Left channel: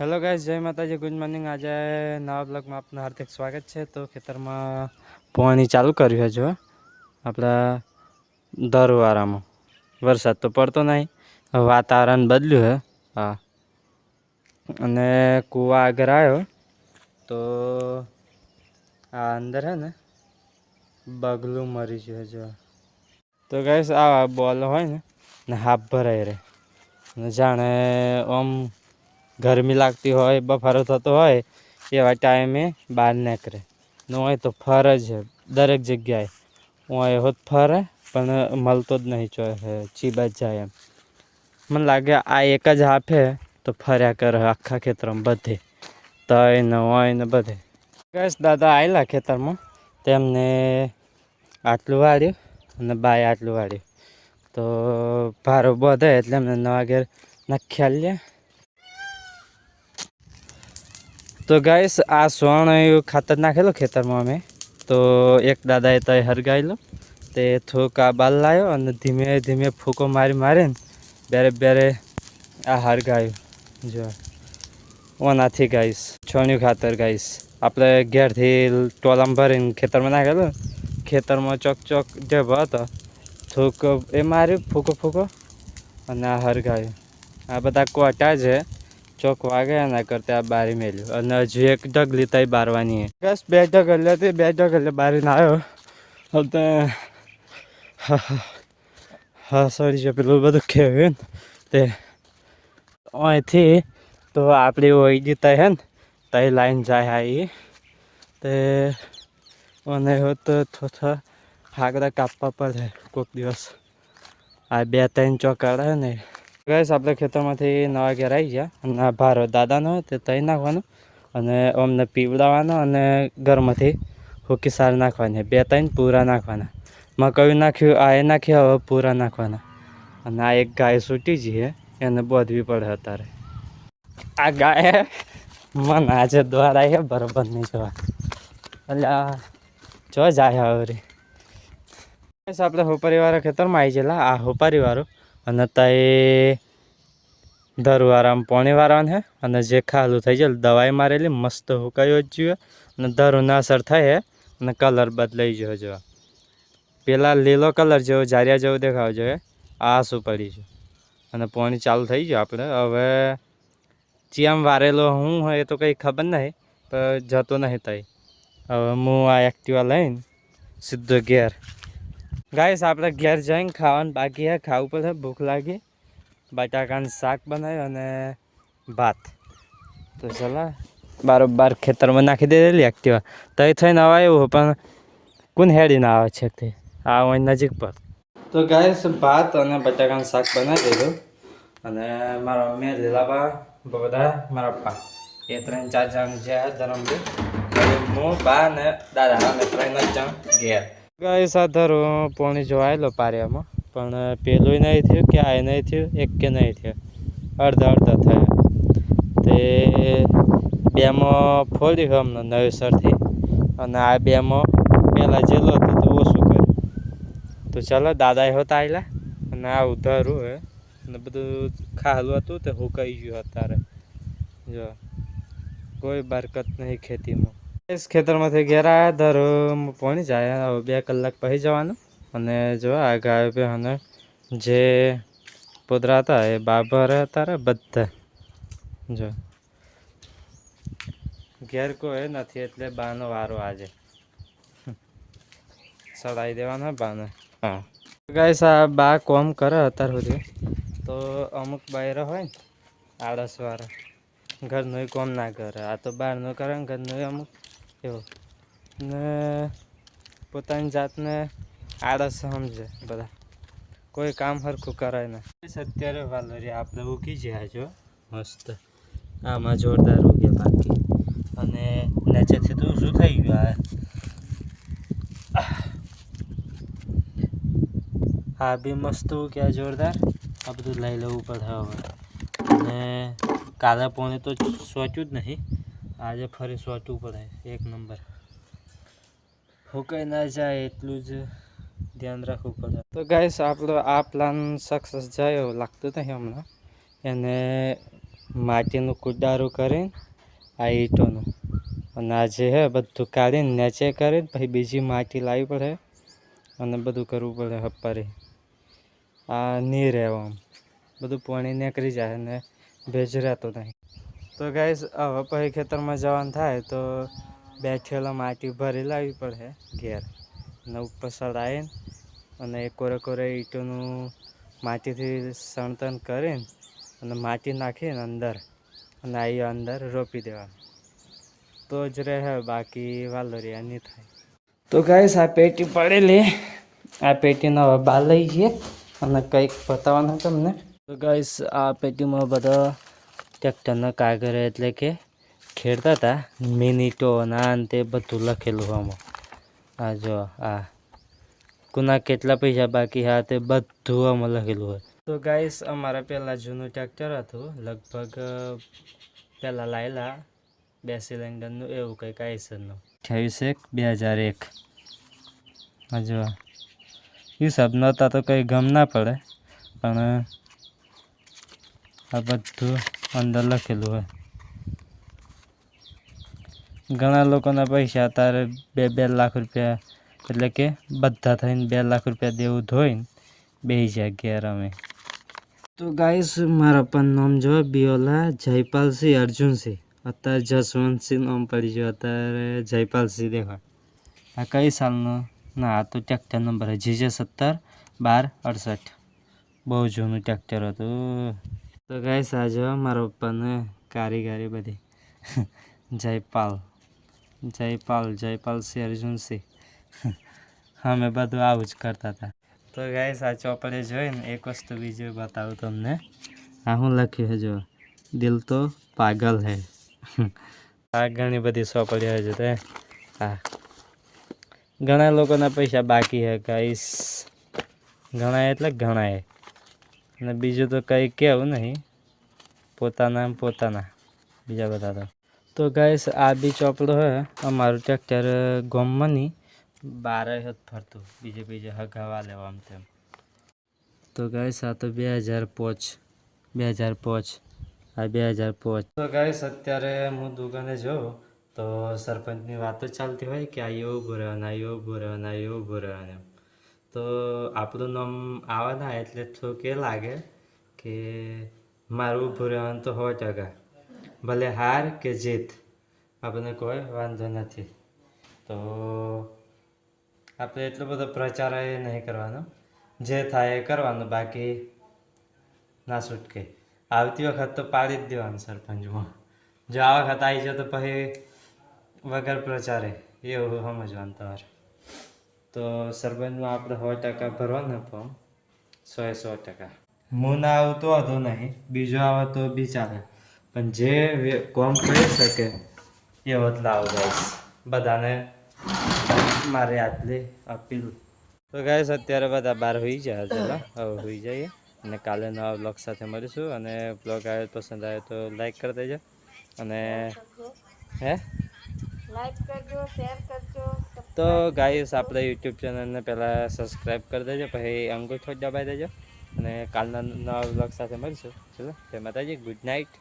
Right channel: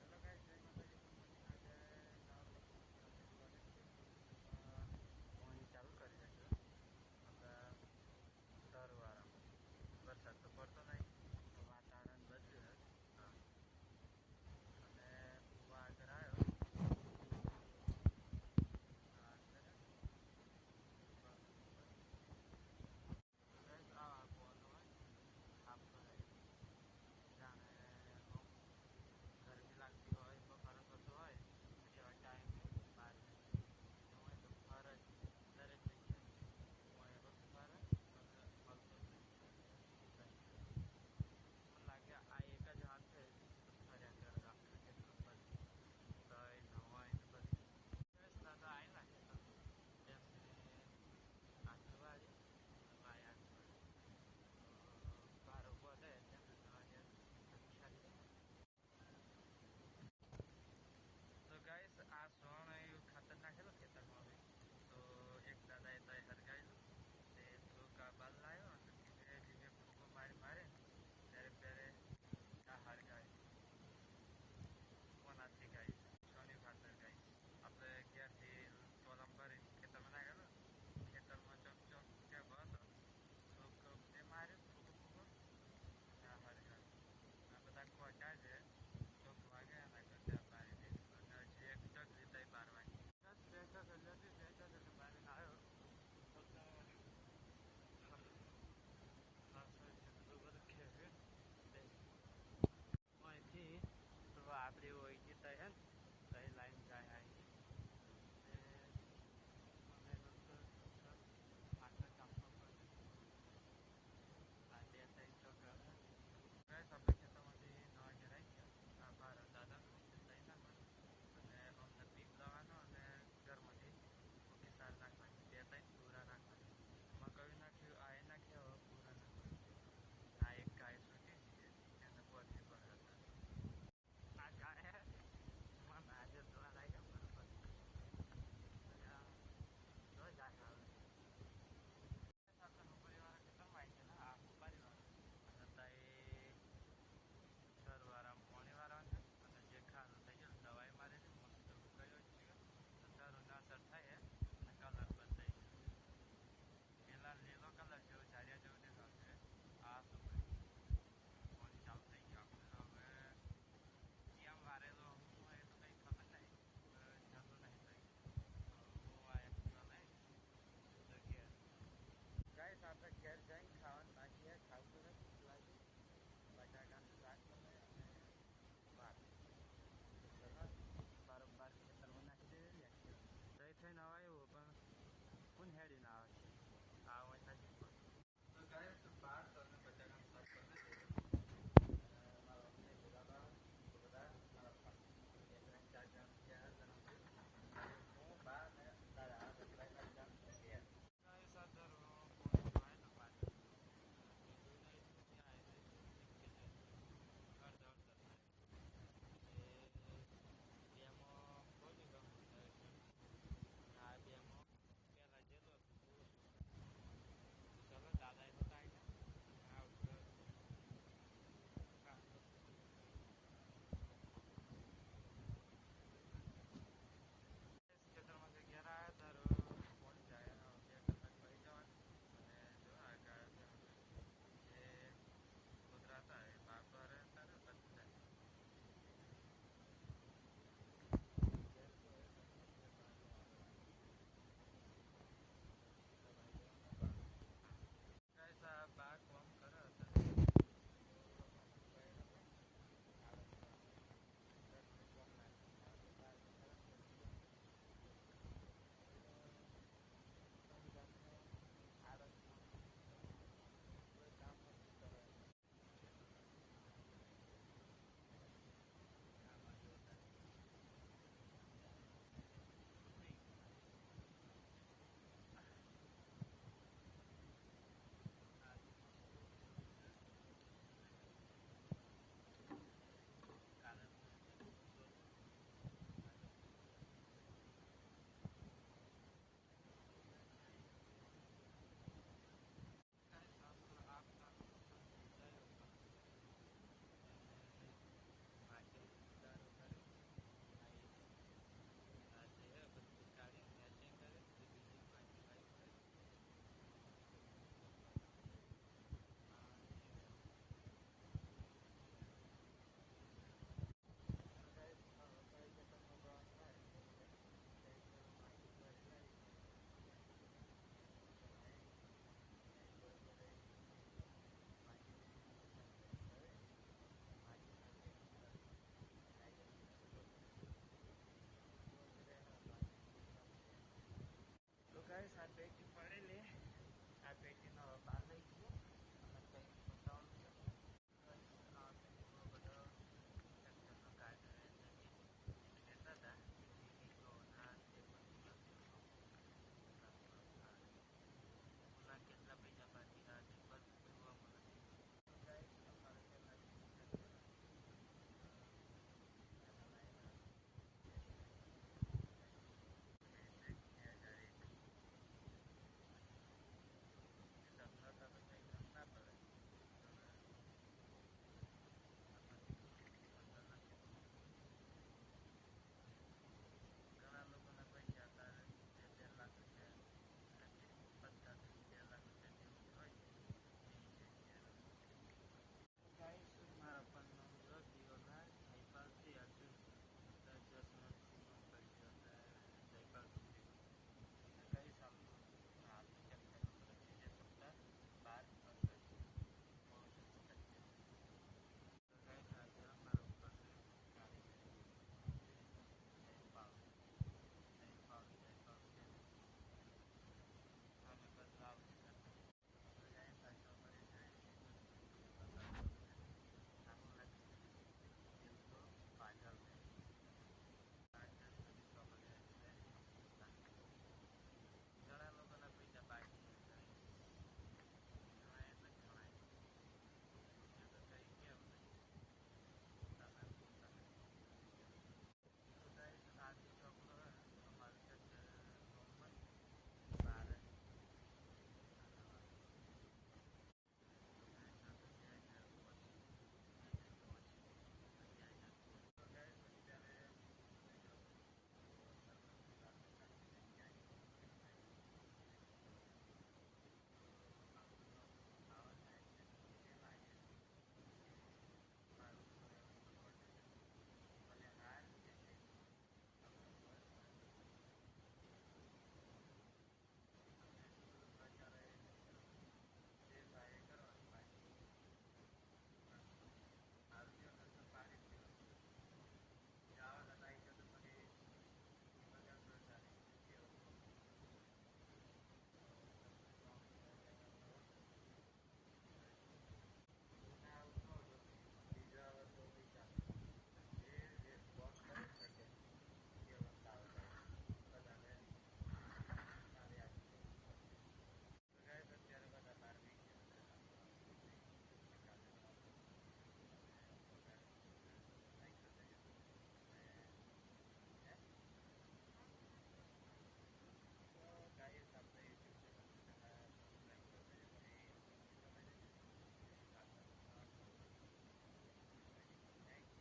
Hello guys, जय माता जी, good morning. आज नवा ब्लॉग में आपનું હાર્દિક સ્વાગત છે। તો ખેતરમાં પાણી ચાલુ કર્યું છે જો આપણા દરવારામાં વરસાદ તો પડતો નહીં, વાતાવરણ બદલ્યું છે। હા, અને કૂવા આગળ આવ્યો તો આ અંદર હે ને બગલું મરી ગયું જો। તો ગાઈસ આ બોલ હોય ને હાફ ભરાઈ રહે ને જાણે આમ ગરમી લાગતી હોય, બફારો થતો હોય એવા ટાઈમે બહાર નીકળે ન હોય તો ફરે છે દરેક જગ્યાએ। હોય હોત ફરે પણ મળતો જ નહીં, ચીબા જ જાય એમ। મને લાગે આ એક જ હાફે તો ફર્યા કરે આખા ખેતરમાં બધે, તય ને હોય ને બધે। બસ દાદા આવેલા ખેતરમાં, તેમને આટલું વાળ્યું અને બાય આટલું વાળ્યું તો ભારો બધે એટલે એમને નવા ઘેર નાખ્યા લે। તો ગાઈસ આ સોણ ખાતર નાખેલો ખેતરમાં અમે, તો એક દાદાએ તય હરગાયેલો તે થોડુંક આ બાલ લાવ્યો અને ધીમે ધીમે ફૂંકો મારી મારીને બેરે બેરે આ હરગાયું જો ઓનાથી ગાઈસ છોણ્યું ખાતર ગાઈસ આપણે ઘેરથી ટોલામાં ભરીને ખેતરમાં નાખેલું, ખેતરમાં ચોક ચોક જે હતો થોડુંક એ માર્યું ફૂંકો ફૂંકો અને આ હરગાયું। આ બધા કોટા છે, ચોક વાગે એના કરતા આ બારી મેલ્યું અને હજુ એક ઢગલી તઈ બારવાની હે। બસ બે ઢગલ હતી, બે ઢગલે બારીને આવ્યો હવે હા સડી છે પેલું બધું કહેવાય ને તે અહીંથી તો આપણી ઓઈડી તઈ હે ને તઈ લાઈન જાય આવી તે અને તો થોડા હાગડા કાપવા પડે કોઈક દિવસ। આ બે ત્રણ ચોકાડા હે ને ગેસ આપણે ખેતરમાંથી નવા ઘેર આવી ગયા અને આ ભારો દાદાનો તે તઈ નાખવાનો અને અમને પીવડાવવાનો અને ઘરમાંથી હુકી સાર નાખવાની, બે ત્રણ પૂરા નાખવાના। મકાઈ નાખ્યું, આ એ નાખ્યું, હવે પૂરા નાખવાના અને આ એક ગાય છૂટી જઈએ એને બોધવી પડે અત્યારે। આ ગાય મને આજે દ્વારા છે બરોબર નહીં જોવા, એટલે જો જાય હવે આપણે હોપારીવાળા ખેતરમાં આવી ગયેલા, આ હોપારીવાળું અને તઈ ધરુવાળામાં પાણી વાળવાનું છે અને જે ખાલું થઈ જાય દવાઈ મારેલી મસ્ત હુકાયો જ જોઈએ અને ધરુને અસર થાય અને કલર બદલાઈ ગયો જો પેલા લીલો કલર જેવો જારિયા જેવો દેખાવ જોઈએ, આ શું પડી છે અને પાણી ચાલુ થઈ ગયું। આપણે હવે ચિયામ વારેલો હું હોય એ તો કંઈ ખબર નહીં, પણ જતો નહીં તઈ। હવે હું આ એક્ટિવા લઈને સીધો ઘેર ગાઈસ આપણે ઘેર જઈને ખાવાનું બાકી હે, ખાવું પડે, ભૂખ લાગી। બટાકાનું શાક બનાવ્યું અને ભાત, તો ચલા બારોબાર ખેતરમાં નાખી દેલી એક્ટિવા તઈ થઈને આવ્યું પણ કોણ હેડીને આવે છે તે આ હોય નજીક પર। તો ગાઈસ ભાત અને બટાકાનું શાક બનાવી દીધું અને મારા મમ્મી લીલા બધા મારા પપ્પા એ 3-4 જણ જે ધરમથી હું બા ને દાદા અમે 3 જ જણ ઘેર। ગાઈસ આ ધરું પાણી જોવાયેલો પારિયામાં પણ પેલું નહીં થયું કે આ નહીં થયું, એક કે નહીં થયું, અડધા અડધા થયા તે બેમાં ફોડ્યું અમને નવેસરથી અને આ બેમાં પહેલાં જેલો હતો તો ઓછું કર્યું। તો ચાલો દાદાએ હોતા આવેલા અને આ ઉધારું હે અને બધું ખાલું હતું તે હુકાઈ ગયું અત્યારે જો કોઈ બરકત નહીં ખેતીમાં। इस ખેતરમાંથી ઘેર આવ્યા ધરું પાણી જાય હવે 2 કલાક પછી જવાનું અને જો આ ગાય પે અને જે પોદરા હતા એ બાબર હતા બધા જો ઘેર કોઈ નથી એટલે બાનો વારો આજે સડાઈ દેવાનો બાને। હા ગાઈસ આ બા કોમ કરે અત્યાર સુધી તો અમુક બાયરા હોય ને આળસવાળા ઘરનું કોમ ના કરે, આ તો બહારનું કરે ને ઘરનું અમુક એવું ને પોતાની જાતને આળસ સમજે બધા, કોઈ કામ સરખું કરાય ના। અત્યારે વાલોરી આપણે ઉગી જાય જો મસ્ત, આમાં જોરદાર ઉગ્યા બાકી અને નીચેથી તો શું થઈ ગયું આ બી મસ્ત ઉગ્યા જોરદાર। આ બધું લઈ લેવું પડે હવે અને કાલે પોણે તો સોચ્યું જ નહીં, આજે ફરી સોચવું પડે એક નંબર, હુકાઈ ના જાય એટલું જ ધ્યાન રાખવું પડે। તો ગાઈસ આપણો આ પ્લાન સક્સેસ જાય એવું લાગતું નહીં હમણાં, એને માટીનું કુડારું કરીને આ ઈંટોનું અને આ જે હે બધું કાઢીને નીચે કરીને પછી બીજી માટી લાવવી પડે અને બધું કરવું પડે હપ્પારી. આ નહીં રહેવા આમ બધું પાણી નીકળી જાય અને ભેજ રહેતો નહીં. તો ગાઈસ હવે પછી ખેતરમાં જવાનું થાય તો બેઠેલા માટી ભરી લાવવી પડે ઘેર અને ઉપર ચડાવીને અને કોરે ઈંટોનું માટીથી સણતન કરીને અને માટી નાખીને અંદર અને આવી અંદર રોપી દેવાનું તો જ રહે, બાકી વાલોરિયા નહીં થાય. તો ગાઈસ આ પેટી પડેલી, આ પેટીનો હવે બહાર લઈ જઈએ અને કંઈક બતાવવાનું તમને. તો ગાઈસ આ પેટીમાં બધા ટ્રેક્ટરના કાગળ એટલે કે ખેડતા હતા મિનિટો ના અંતે બધું લખેલું આમાં. આ જો આ કોના કેટલા પૈસા બાકી હા તે બધું આમાં લખેલું હોય. તો ગાઈસ અમારા પહેલાં જૂનું ટ્રેક્ટર હતું, લગભગ પહેલાં લાયેલા 2 સિલિન્ડરનું એવું કંઈક આઈસરનું 28/1/2001. હા જો હિસાબ નહોતા તો કંઈ ગમ ના પડે, પણ આ બધું અંદર લખેલું હોય. ઘણા લોકોના પૈસા અત્યારે 2 લાખ રૂપિયા એટલે કે બધા થઈને 2 લાખ રૂપિયા દેવું ધોઈને બેસી જાય ઘેર અમે. તો ગાઈસ મારા પણ નામ જો બિયોલા જયપાલસિંહ અર્જુનસિંહ, અત્યારે જસવંતસિંહ નામ પડી ગયો, અત્યારે જયપાલસિંહ દેખાય. આ કઈ સાલનો? ના આ તો ટ્રેક્ટર નંબર GJ 17-12-68, બહુ જૂનું ટ્રેક્ટર હતું. તો ગાઈસ આ જો મારા પપ્પાને કારીગરી બધી જયપાલસિંહ અર્જુનસિંહ અમે બધું આવું જ કરતા હતા. તો ગાઈસ આ ચોપડે જોઈને એક વસ્તુ બીજું બતાવું તમને. આ શું લખ્યું છે જો, દિલ તો પાગલ હે. આ ઘણી બધી ચોપડીઓ છે તે. હા ઘણા લોકોના પૈસા બાકી છે ગાઈસ, ઘણા એટલે ઘણા. અને બીજું તો કંઈ કહેવું નહીં, પોતાના બીજા બધા તો ગાઈસ આ બી ચોપડો હે. અમારું ટ્રેક્ટર ગામમાં નહીં બારે જ ફરતું, બીજે હગાવા લેવા આમ તેમ. તો ગાઈસ આ તો 2005 આ 2005. તો ગાઈસ અત્યારે હું દુકાને જાઉં તો સરપંચની વાતો ચાલતી હોય કે આ એવું ઊભું રહેવાનું, આ એવું ઊભું રહેવાનું, આ એવું ઊભું રહેવાનું. તો આપણું નામ આવે ના એટલે થોડુંક એ લાગે કે મારું ઊભું રહેવાનું તો 100%, ભલે હાર કે જીત આપણને કોઈ વાંધો નથી. તો આપણે એટલો બધો પ્રચાર એ નહીં કરવાનો, જે થાય એ કરવાનું, બાકી ના છૂટકે. આવતી વખત તો પાડી જ દેવાનું સરપંચમાં. જો આ વખત આવી જાય તો પછી વગર પ્રચારે એવું સમજવાનું તમારે. તો સરપંચમાં આપણે 100% ભરવાનું ફોર્મ, 100%. હું ના આવું તો વાંધો નહીં, બીજો આવે તો બી ચાલે, પણ જે કોમ કરી શકે એવો જ લાવો ગાઈસ, બધાને મારે આટલી અપીલ. તો ગાઈસ અત્યારે બધા બહાર હોઈ જાય, ચાલો હવે હોઈ જઈએ અને કાલે નવા બ્લોગ સાથે મળીશું. અને બ્લોગ આવે પસંદ આવે તો લાઈક કરી દેજો અને લાઈક કરજો, શેર કરજો. તો ગાઈસ આપણે યુટ્યુબ ચેનલને પહેલાં સબસ્ક્રાઈબ કરી દેજો, પછી અંગૂઠો દબાવી દેજો અને કાલના નવા બ્લોગ સાથે મળીશું. ચલો જય માતાજી, ગુડ નાઇટ.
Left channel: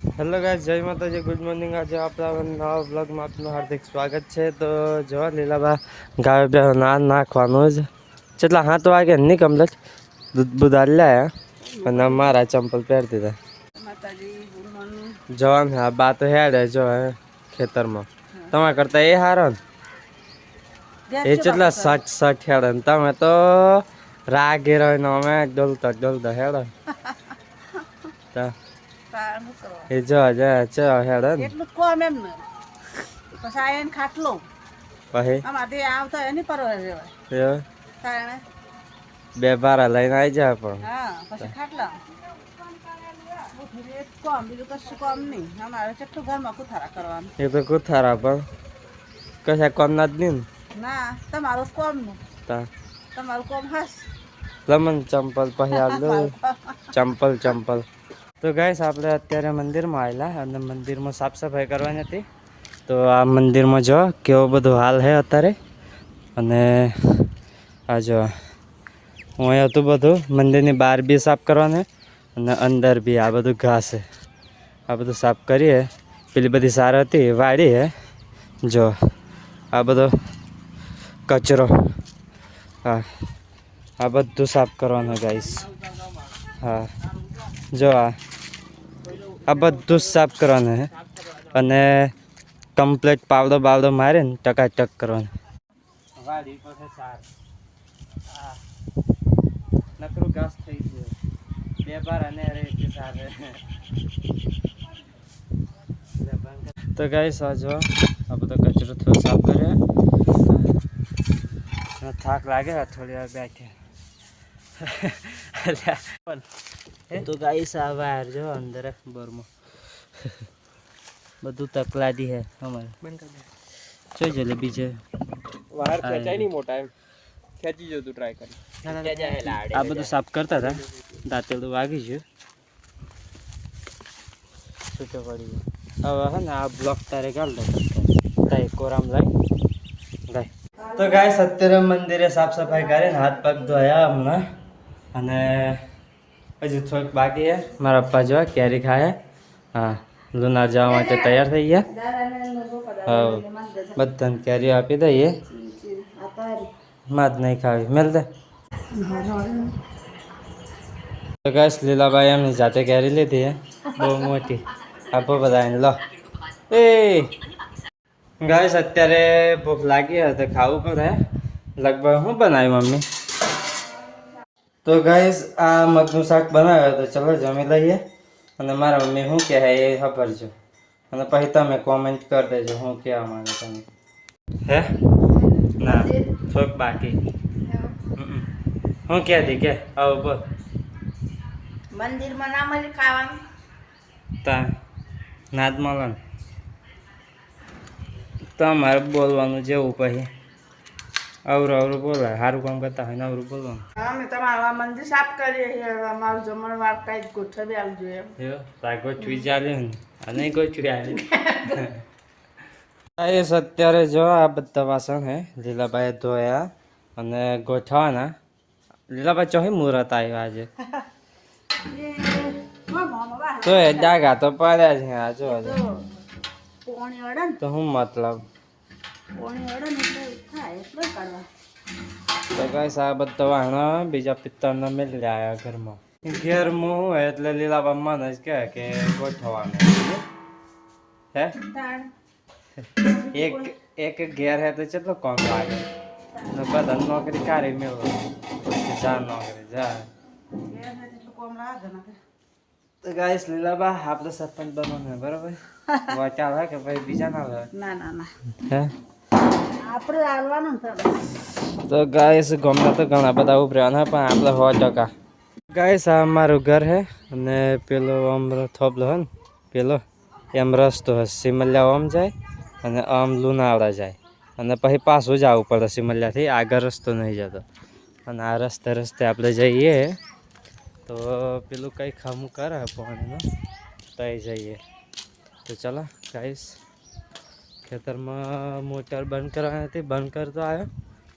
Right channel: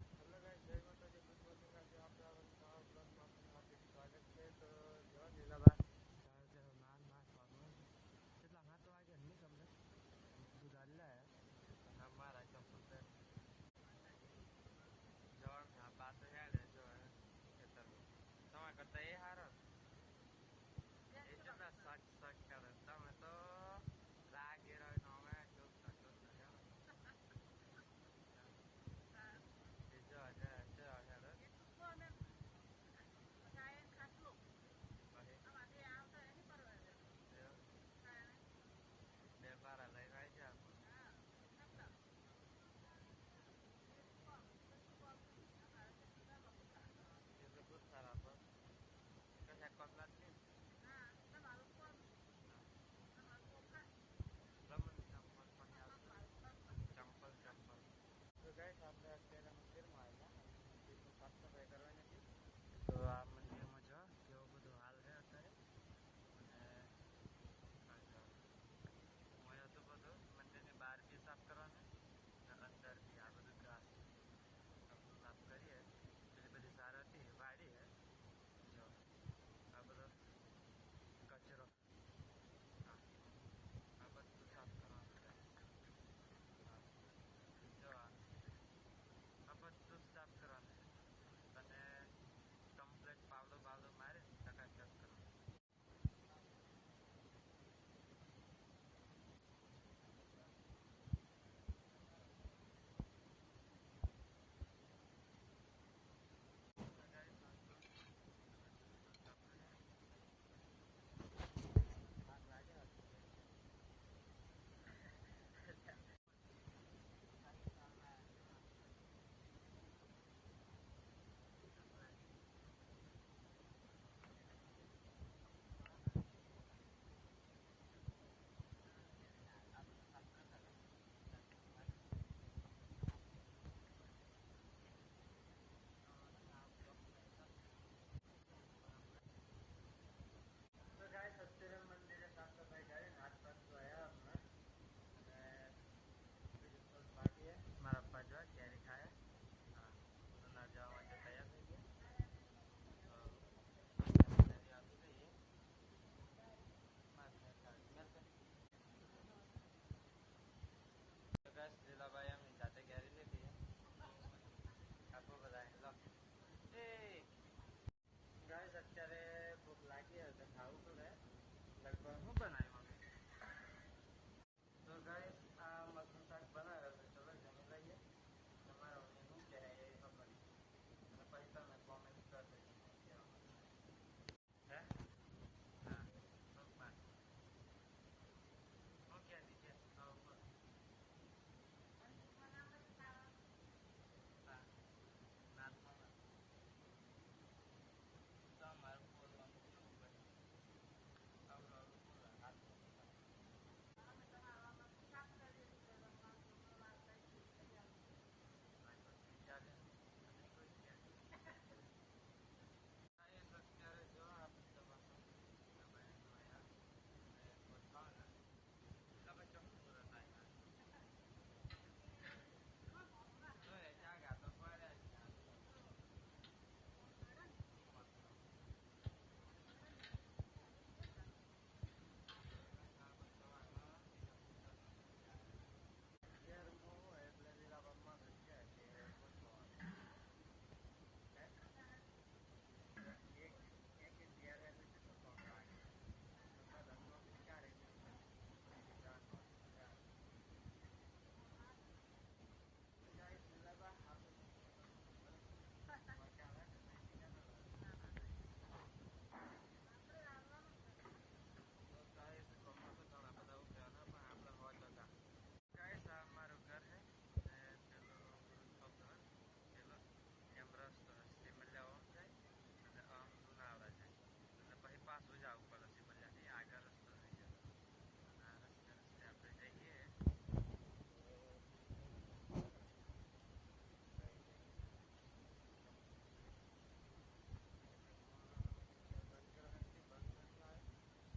હેલો ગાઈસ, જય માતાજી, ગુડ મોર્નિંગ. આજે આપણા નવા બ્લોગમાં આપનું હાર્દિક સ્વાગત છે. તો જો લીલાબા ગાય બે નાખવાનું જ કેટલા 7 વાગે નહીં કમ્પ્લીટ દૂધ બુધાર લાયા અને મારા ચંપલ પહેરી દીધા. જવાન હા બા તો હેડે જો ખેતરમાં, તમારા કરતા એ હારો ને, એ કેટલા 60 હેડે ને તમે તો રાગે રહીને અમે ડોલતા હેડો. એ જો હેડે ને એટલું કોમ એમ ને પછી આયન ખાટલો પછી આમાંથી આવતા એની પરવા જેવા કારણે 2 બારા લઈને આવી જાય પણ હા પછી ખાટલા કોમ બીજું કશું કોમ નહીં. અમારે કેટલું ઘરમાં કુથારા કરવાનું, એ તો કુથારા પણ કશા કોમ ના જ નહીં ના. તમારું કોમ નું તમારું કોમ હાસ લમન ચંપલ પછી આલો ચંપલ. તો ગાઈસ આપણે અત્યારે મંદિરમાં આવેલા અને મંદિરમાં સાફ સફાઈ કરવાની હતી. તો આ મંદિરમાં જો કેવો બધો હાલ છે અત્યારે. અને આ જો અહીંયા હતું બધું મંદિરની બહાર બી સાફ કરવાનું અને અંદર બી આ બધું ઘાસ છે આ બધું સાફ કરીએ પેલી બધી સાર હતી વાડી હે જો આ બધો કચરો હા આ બધું સાફ કરવાનું ગાઈસ હા જો આ બધું જ સાફ કરવાનું હે અને કમ્પ્લીટ પાવડો બાવડો મારે ને ટકાટક કરવાનું વાડી પાસે સાર નકરું ઘાસ થઈ ગયું બે બાર અને રેતી સાર તો ગાઈસ આ જો આ બધો કચરો થોડો સાફ કર્યો થાક લાગે થોડી વાર બેઠે તો ગાઈસ આ વાર જો અંદર બોરમાં બધું તકલાદી હે અમારે જોઈ જલેબી છે વાર ખેંચાય નહીં મોટા એમ ખેંચી જો તું ટ્રાય કરી આ બધું સાફ કરતા હતા દાંતેલું વાગી ગયું છૂટો પડી ગયો હવે હે ને આ બ્લોક તારે ગાળ દે તાઈ કોરામ લઈ ગાય તો ગાઈસ અત્યારે મંદિરે સાફ સફાઈ કરીને હાથ પગ ધોયા હમણાં અને હજી થોડુંક બાકી છે મારા પપ્પા જો કેરી ખાય હા લુનાર જવા માટે તૈયાર થઈ ગયા હા બધાને કેરી આપી દઈએ માદ નહીં ખાવી મેલ દે તો ગાઈસ લીલાબાઈ એમની જાતે કેરી લીધી હે બહુ મોટી આપો બધાને લો એ ગાઈસ અત્યારે ભૂખ લાગી હોય તો ખાવું પડે લગભગ શું બનાવ્યું મમ્મી તો ગાઈસ આ મગનું શાક બનાવ્યો તો ચલો જમી લઈએ અને મારા મમ્મી શું કહે એ ખબર છે અને પછી તમે કોમેન્ટ કરી દેજો શું કહેવા માંગે તમે હે ના થોડુંક બાકી શું કહેતી કે આવું બોલ મંદિરમાં ના મળી ખાવાનું તા નાદ મળે ને તમારે બોલવાનું જેવું પછી અવરું અવરું બોલાય સારું કામ કરતા હોય ને અવરું બોલવાનું અમે તમારું આ મંદિર સાફ કરીએ છીએ અમારું જમણવાર કઈ ગોઠવી આવજો એમ તાર ગોઠવી ચાલ્યું ને આ નહીં ગોઠવી આવી એ અત્યારે જો આ બધા વાસણ હે લીલાભાઈ ધોયા અને ગોઠવાના લીલાભાઈ ચોહી મુહૂર્ત આવ્યો આજે તો એ ડાગા તો પડ્યા છે આ જો પોણી અડે ને તો શું મતલબ પોણી અડે ને એટલે થાય એટલે કરવા તો ગાઈસ આ બધા વાહણો બીજા પિત્તળના મેલી આવ્યા ઘરમાં ઘેરમાં હું હોય એટલે લીલાબા મને જ કહે કે ગોઠવવાનું હે એક ઘેર હે તો કેટલો કોમ લાગે ને બધા નોકરી કાઢી મેળવો જા નોકરી જા તો ગાઈસ લીલાબા આપણે સરપંચ બનવાનું બરાબર વાચાલ હે કે ભાઈ બીજા ના લે ના ના ના હે આપણે હાલવાનું ને તો ગાઈસ ગમના તો ઘણા બધા ઉભર્યા પણ આપણે 100% ગાઈસ આ મારું ઘર હે અને પેલો આમ થોબલો હે ને પેલો એમ રસ્તો હે સિમલિયા આમ જાય અને આમ લુણાવાડા જાય અને પછી પાછું જવું પડે સિમલિયાથી આગળ રસ્તો નહીં જતો અને આ રસ્તે આપણે જઈએ તો પેલું કંઈ ખામું કરે પાણીનું તઈ જઈએ તો ચાલો ગાઈસ ખેતરમાં મોટર બંધ કરવાની હતી બંધ કરતો આવ્યો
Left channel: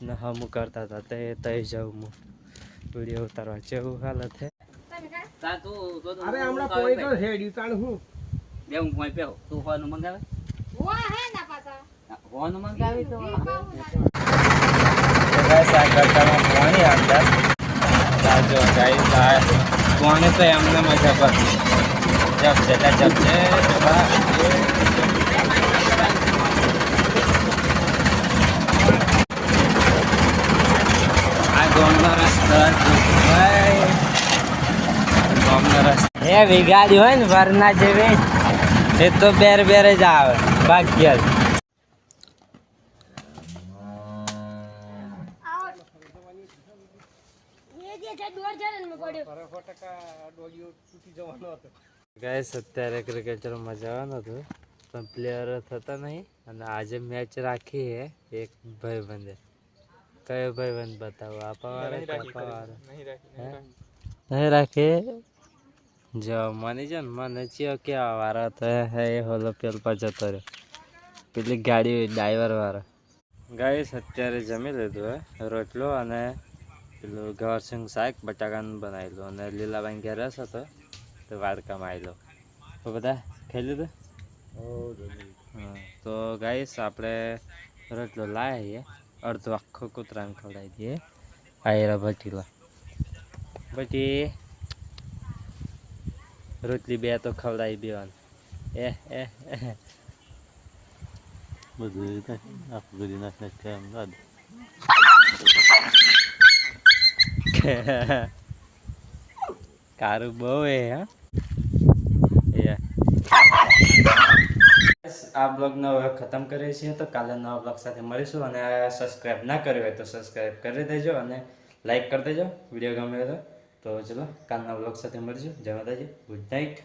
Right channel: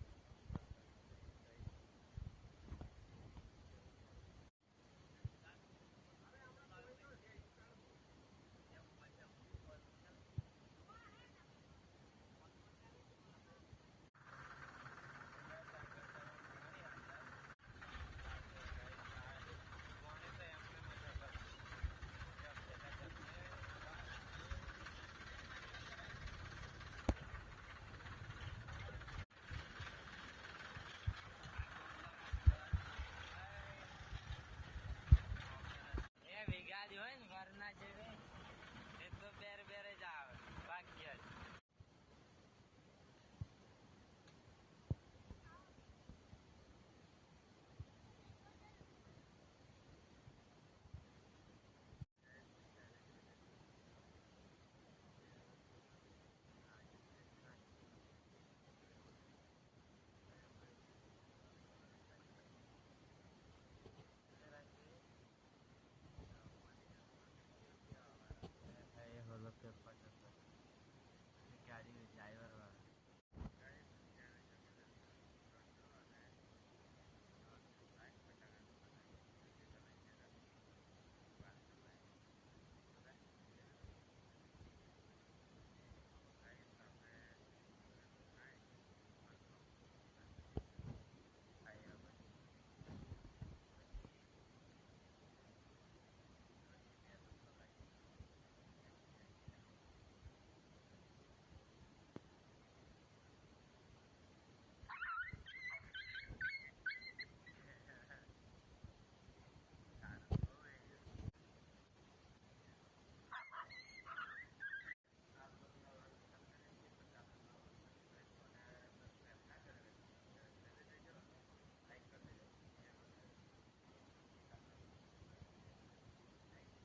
ને હમું કરતા હતા તે તઈ જાઉં હું વિડીયો ઉતારવા જેવું હાલત હે અરે હમણાં પોઈ તો છે ડીતાણ હું બે હું કોઈ પેવ તું હોનું મંગાવે હોનું મંગાવી તો ગાઈસ આ ગટરમાં પાણી અંદર જો ગાઈસ આ પાણી તો એમને મજા પર જબ છે આ ગોમનો રસ્તો એવી ગાડી હોય ને વરના જેવી એ તો બેર જ આવે ભાગ્ય ગાઈસ અત્યારે ક્રિકેટરમાં જવાનું હતું પણ પ્લેયર થતા નહીં અને આજે મેચ રાખી હે એક ભાઈબંધે કયો ભાઈબંધ બતાવો આપાવાળો નહીં રાખે જો મને છે ને મને ચિયો કેવા વાળો તો હે એ હોલો પેલ પર જતો રહ્યો પેલી ગાડી ડ્રાઈવર વાળો ગાઈસ અત્યારે જમી લીધું હે રોટલો અને પેલું ગવરસિંગ શાક બટાકાનું બનાવેલું અને લીલાબાઈ ઘેર રસ હતો તો વાડકામાં આવેલો તો બધા ખાઈ લીધું. હા તો ગાઈસ આપણે રોટલો લાવીએ અડધો આખો કૂતરાને ખવડાવી દઈએ. આયરા ભટીલા પછી રોટલી બે તો ખવડાવી દેવાનું. બધું આખું કરી નાખે કારું બહુ હા. આ બ્લોગનો હવે ખતમ કરીએ છીએ તો કાલે નવા બ્લોગ સાથે મળીશું અને સબસ્ક્રાઈબ ના કર્યો હોય તો સબસ્ક્રાઈબ કરી દેજો અને લાઈક કરી દેજો વિડીયો ગમે તો ચલો કાલના બ્લોગ સાથે મળીશું. જય માતાજી, ગુડ નાઇટ.